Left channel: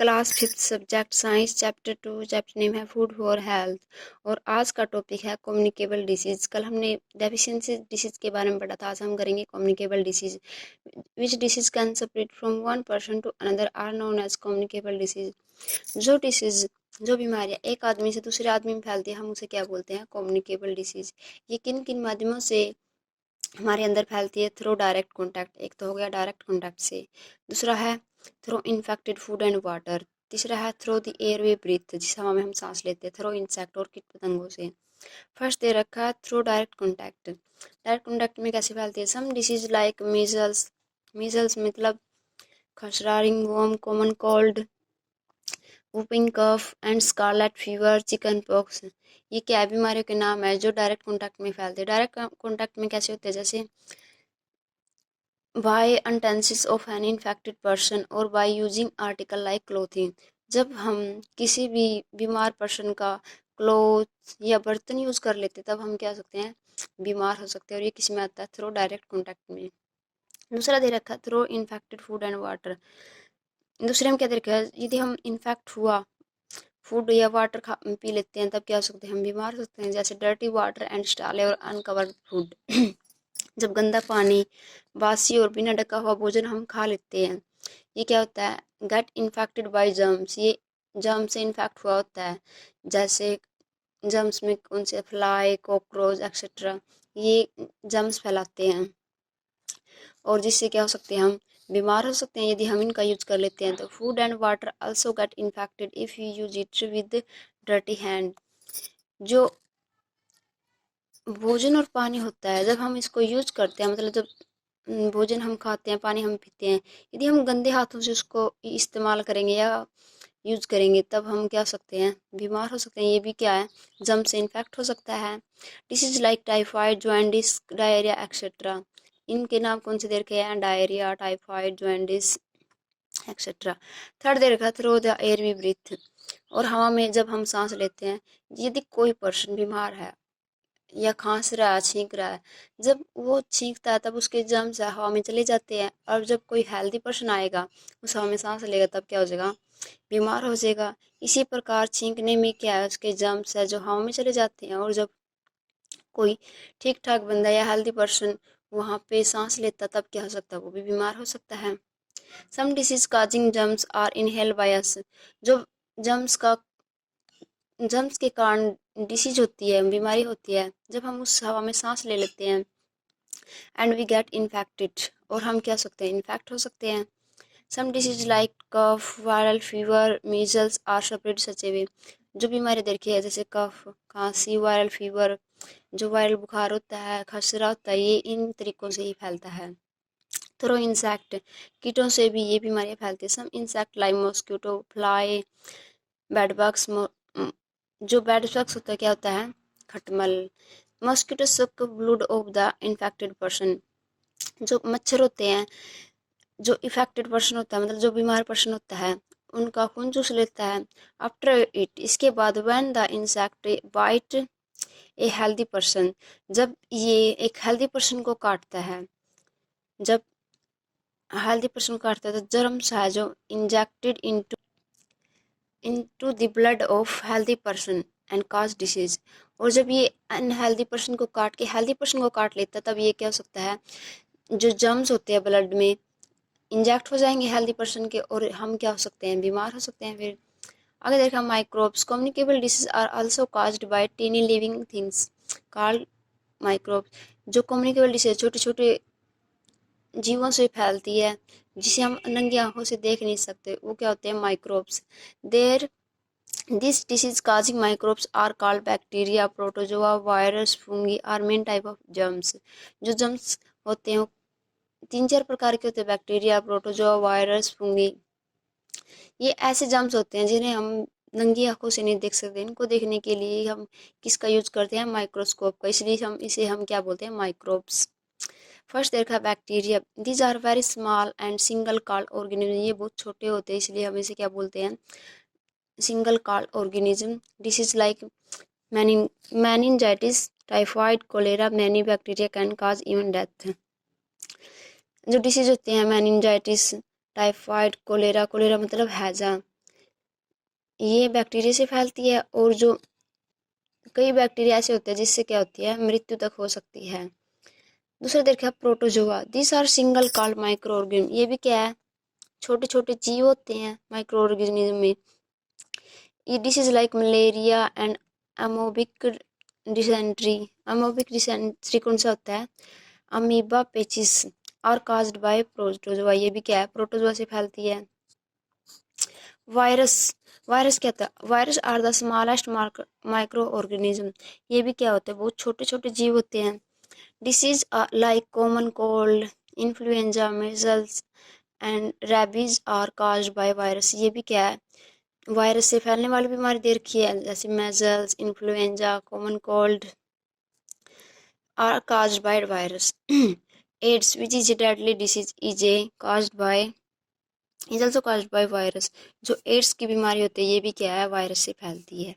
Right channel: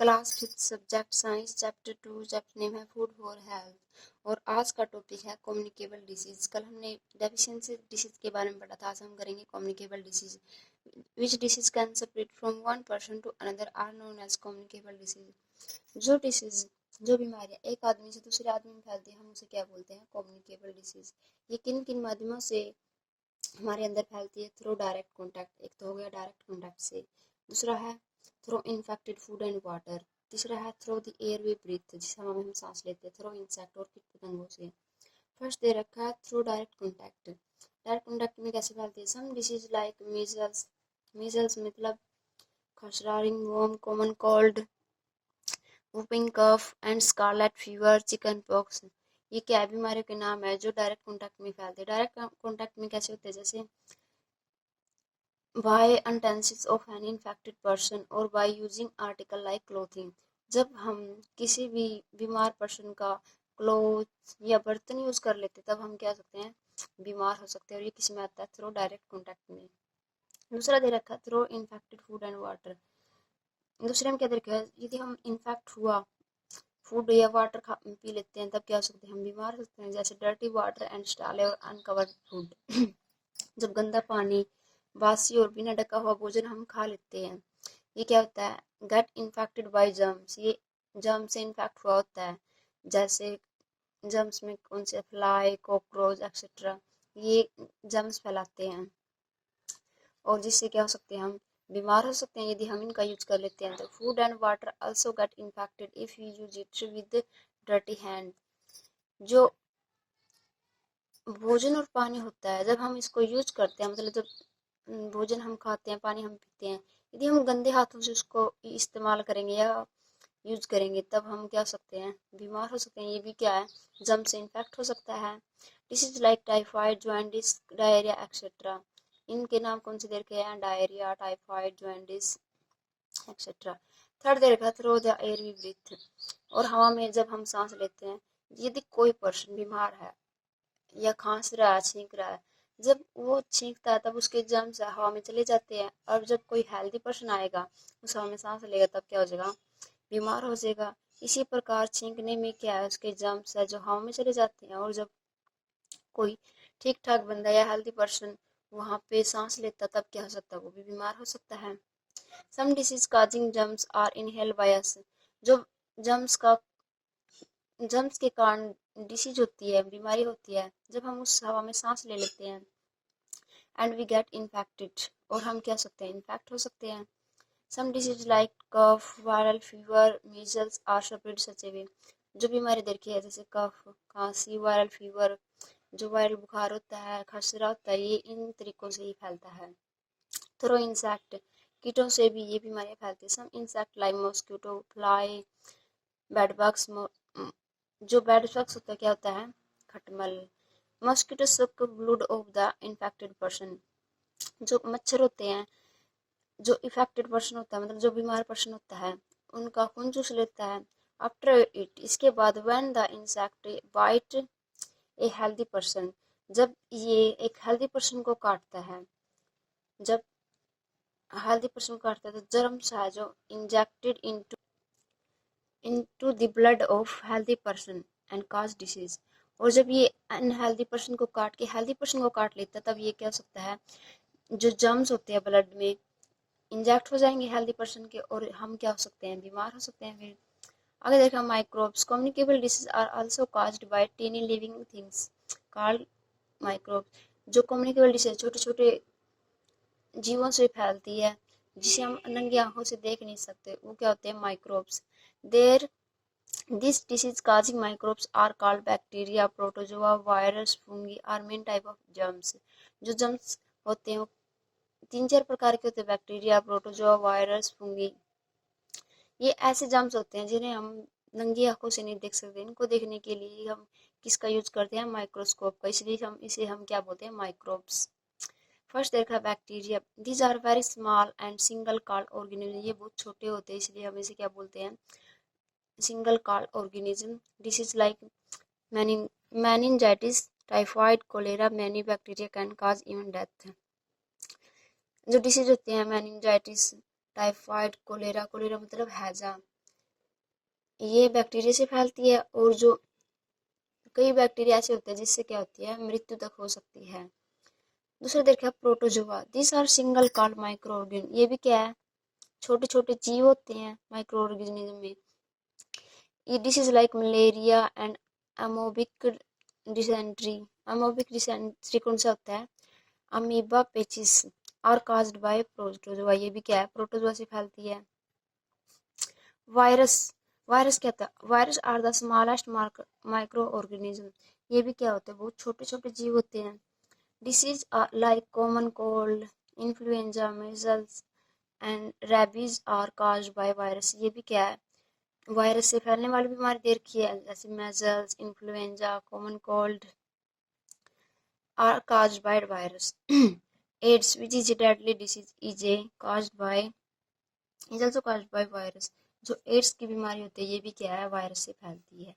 Class 5th subject science chapter 2 chapter name है food for health. और आज का टॉपिक है कम्युनिकेबल डिसीज़। कल हमने डेफिशिएंसी डिसीज़ के बारे में पढ़ा था, आज हम करेंगे communicable disease. Which disease can spread from one person to another are known as communicable disease. जो डिसीज़ जो बीमारियाँ एक आदमी से दूसरे आदमी में फैलती है हम उसे क्या बोलते हैं, कम्युनिकेबल डिसीज़। ये किन किन माध्यमों से हमारे अंदर फैलती है? थ्रू डायरेक्ट कॉन्टैक्ट, एक तो हो गया डायरेक्ट कॉन्टैक्ट से, दूसरा है through infected food and water, तीसरा है through the air we breathe जिस हवा में हम सांस लेते हैं, थ्रू इंसेक्ट और कीट पतंगों से। फर्स्ट दे रखा है through direct contact. Direct contact में कैसे फैलती है? Some disease like measles, measles मतलब खसरा, ringworm, common cold, whooping cough and scarlet fever, chicken pox. ये क्या बीमारियों के नाम है जो डायरेक्ट कॉन्टैक्ट में फैलते हैं? डायरेक्ट कॉन्टैक्ट में कैसे होते हैं? जैसे by utensil of an infected person or by using article like clothing। जब हम किसी भी बीमार पर्सन का क्लोथ या बर्तन यूज़ कर लेते तब हम क्या हो सकते हैं, बीमार हो सकते हैं। और ये किस में आता है? थ्रू डायरेक्ट कॉन्टैक्ट में। दूसरा दे रखा है through infected food and water. दूसरे में क्या दे रखा है? यदि हम इन्फेक्ट हुआ फूड या वाटर खा पी लेते हैं तब क्या हो सकते हैं, हम बीमार हो सकते हैं। जैसे डर्टी वाटर एंड स्टाले और अनकवर्ड फूड। जब गंदा पानी, बासी और बिना ढका हुआ भोजन हम खा लेते हैं, ये क्या होता है? Get infected by germs. ये जर्म से इन्फेक्ट हुआ होता है। जैसे जर्म्स में कौन से? फ्लाई, कॉकरोच एक्सेट्रा, ये जर्म्स फैलाते हैं और जिससे क्या हो सकते हैं, हम बीमार हो सकते हैं यदि हम इनका यूज कर लेते हैं। तो food and water also get infected if you use it with dirty hand. जो भोजन और पानी होता है जब हम इसको यूज करते हैं, मतलब जब भोजन हम खाते हैं, पानी हम पीते हैं, यदि हम गंदे हाथों से उसको इस्तेमाल करेंगे या यूज करेंगे तब हम क्या हो सकते हैं, बीमार हो सकते हैं। ये भी क्या है? जम से इन्फेक्ट हो सकता है। Disease like typhoid, jaundice, diarrhoea etcetera. इनके नाम कौन से दे रखे हैं? Diarrhoea, typhoid, jaundice etcetera. Third दे रखा है through the air we breathe. और हवा में जब हम सांस लेते हैं, यदि कोई पर्सन बीमार है या खांस रहा है, छींक रहा है, जब वो छींकता है तब उसके जर्म्स हवा में चले जाते हैं। और जब कोई हेल्दी पर्सन आएगा उस हवा में सांस लेगा तब क्या हो जाएगा? बीमार हो जाएगा। इसी प्रकार छींकने में क्या है? उसके जर्म्स है जो हवा में चले जाते हैं। और जब कोई ठीक ठाक बंदा या हेल्दी पर्सन वहाँ पे सांस लेता तब क्या हो सकता है? वो भी बीमार हो सकता है। Some disease causing germs are inhaled by us. जो जर्म्स का जर्म्स के कारण डिसीज होती है, बीमारी होती है, जब हम उस हवा में सांस ले लेते हैं एंड वी गेट इन्फेक्टेड, और हम क्या हो सकते हैं? इन्फेक्ट हो सकते हैं। Some disease like cough, viral fever, measles are spread such a way. जो बीमारी देखी है जैसे कफ, खांसी, वायरल फीवर, जो वायरल बुखार होता है, खसरा होता है, ये इन तरीकों से ही फैलता है। थ्रो इंसेक्ट, कीटों से भी ये बीमारियाँ फैलती है। Some insect like mosquito, fly, bedbugs. जो बेडबग्स होता है क्या होता है? खटमल। Mosquito suck blood of the infected person. जो मच्छर होते हैं, जो इफेक्टेड पर्सन होता है, मतलब जो बीमार पर्सन होता है, उनका खून चूस लेता है। आफ्टर इट, इसके बाद, when the insect bite a healthy person, जब ये एक हेल्दी पर्सन को काटता है, जब हेल्दी पर्सन को काटता है तो जर्म्स है जो injected into the blood of healthy person and cause disease. और जब ये अनहेल्दी पर्सन को काट के हेल्दी पर्सन को काट लेता है तब ये क्या हो सकता है? जो जर्म्स होते हैं ब्लड में इंजेक्ट हो जाएंगे हेल्दी पर्सन के और हम क्या हो सकते हैं? बीमार हो सकते हैं। फिर आगे देखा microbes. Communicable disease are also caused by tiny living things called microbes. जो कम्युनिकेबल डिसीज छोटे छोटे जीवों से फैलती है जिसे हम नंगी आंखों से देख नहीं सकते, वो क्या होते हैं? Microbes. There this disease causing microbes are called bacteria, protozoa, virus, fungi are main type of germs. जो जर्म्स होते हैं वो 3-4 प्रकार के होते हैं, बैक्टीरिया, प्रोटोजोआ, वायरस, फंगी। ये ऐसे जर्म्स होते हैं जिन्हें हम नंगी आंखों से नहीं देख सकते। इनको देखने के लिए हम किसका यूज करते हैं? माइक्रोस्कोप का। इसलिए हम क्या बोलते हैं? माइक्रोब्स। फर्स्ट देखा bacteria. These are very small and single called organism. ये बहुत छोटे होते हैं इसलिए हम इसे क्या बोलते हैं? Single called organism. Disease like meningitis, typhoid, cholera, many bacteria can cause even death. जो डिसीज होते हैं, मैनिंजाइटिस, टाइफाइड, कोलेरा, कोलेरा मतलब हैजा, ये बैक्टीरिया से फैलती है, और जो कई बैक्टीरिया ऐसे होते हैं जिससे क्या होती है, मृत्यु तक हो सकती है। दूसरा देखा protozoa, this are single called micro organism, ये भी क्या है, छोटे छोटे जीव होते हैं माइक्रो ऑर्गेनिज्म में। ये disease like malaria and amoebic dysentery, amoebic dysentery कौन सा होता है, अमीबा पेचिस, और काज्ड बाय प्रोटोजोआ, ये भी क्या है, प्रोटोजोआ से फैलती है। वायरस, वायरस क्या होता है, virus are the smallest micro organism, ये भी क्या होते हैं, बहुत छोटे छोटे जीव होते हैं। Disease like common cold, influenza, measles and rabies are caused by virus, ये भी क्या है, वायरस से फैलने वाली बीमारी दे रखी है, जैसे measles, influenza, common cold are caused by virus. AIDS which is a deadly disease is a caused by is also caused by virus, जो एड्स की बीमारी होती है ये भी क्या है, वायरस से फैलती है।